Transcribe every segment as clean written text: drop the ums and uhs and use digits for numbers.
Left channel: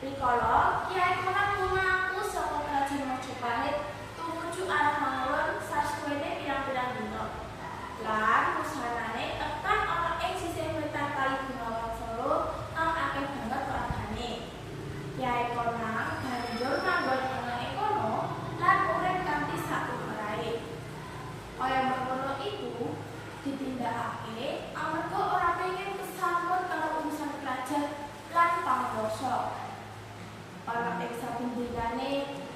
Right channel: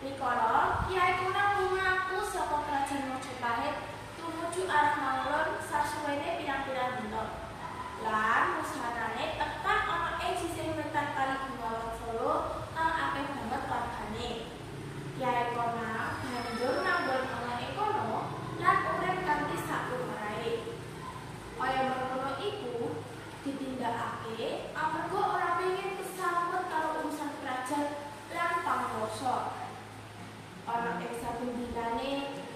Rikala Kyai Konan lumaku saka Krajan Majapahit tumuju arah mawon sasuwene pirang-pirang dina. Lan wusanane tekan ana ing sisih wetan Kali Gunawan Solo kang akeh banget wargane. Kyai Konan banjur manggon ana ing kono lan urip kanthi saklumerahe. Kaya mengkono iku ditindakake amarga ora pengin kesambut karo urusan kerajaan lan pangkuasa. Ana ing saben dinane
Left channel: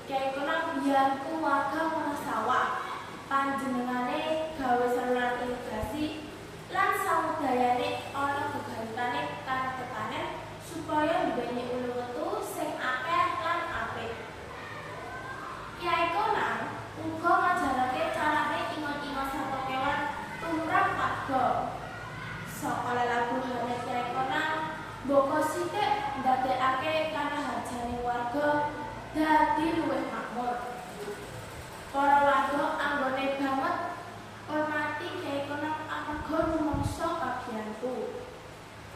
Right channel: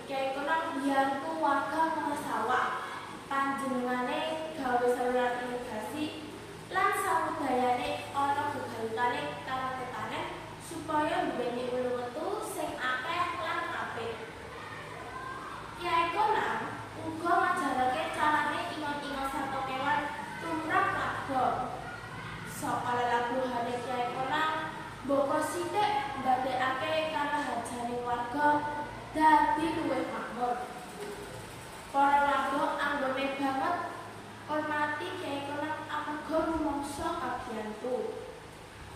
Kyai Konan mbiyantu warga Wonosawa. Panjenengane gawe saluran irigasi lan samudayane ana gegayutane tanah tetanen supaya nduweni ulu wetu sing akeh lan apik. Kyai Konan uga ngajarake carane ingon-ingon sarta kewan tumrap warga. Saka lelabuhane Kyai Konan mboko sithik ndadekake karaharjane warga dadi luwih makmur. Para warga anggone banget hormati Kyai Konan amarga rumangsa kabiyantu.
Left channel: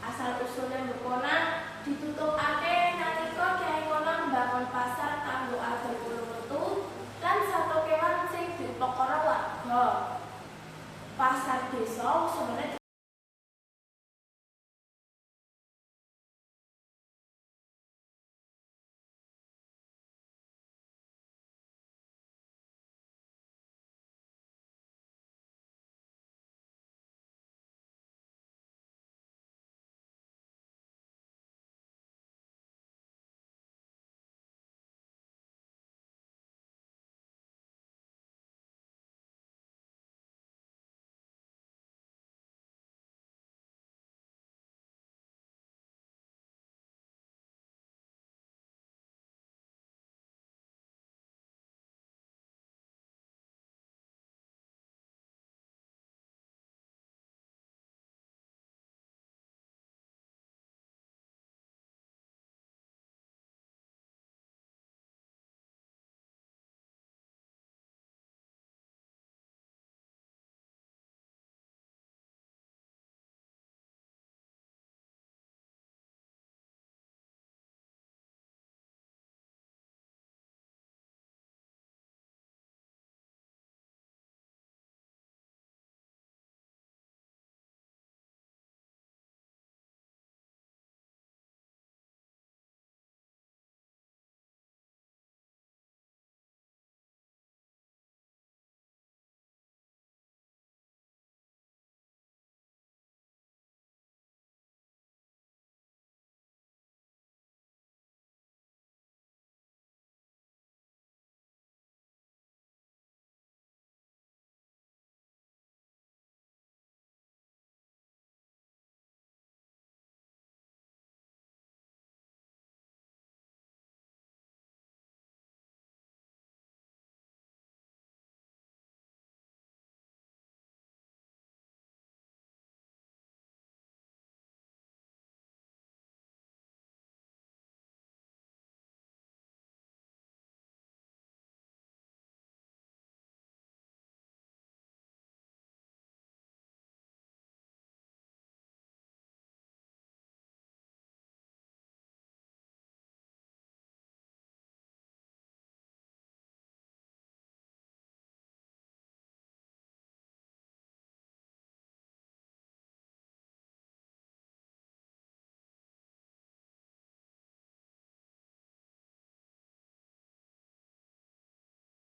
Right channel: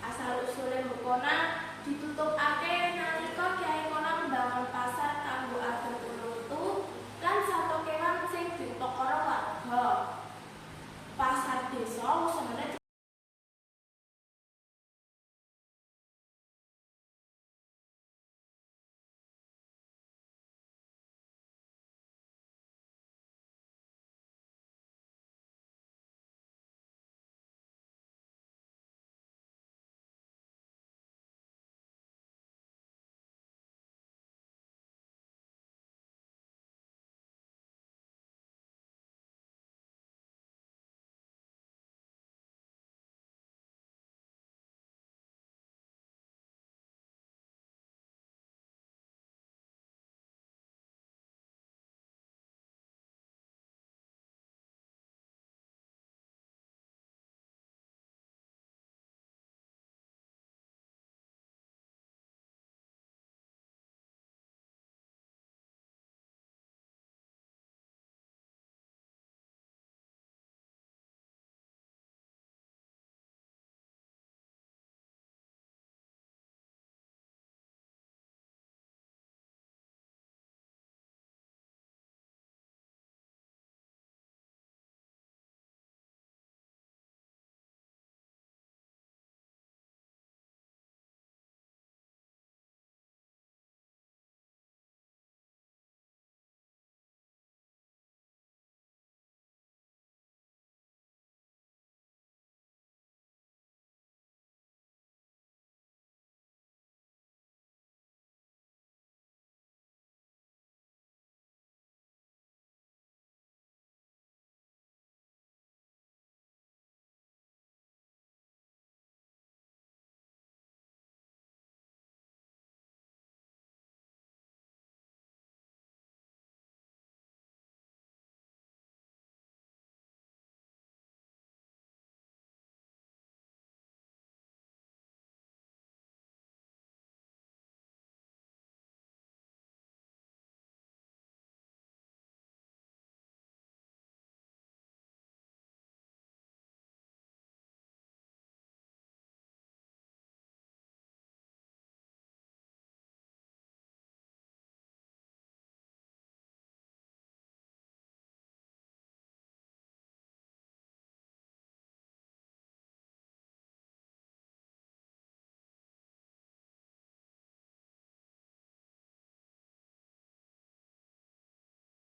Asal usule Mbok Konan ditutupake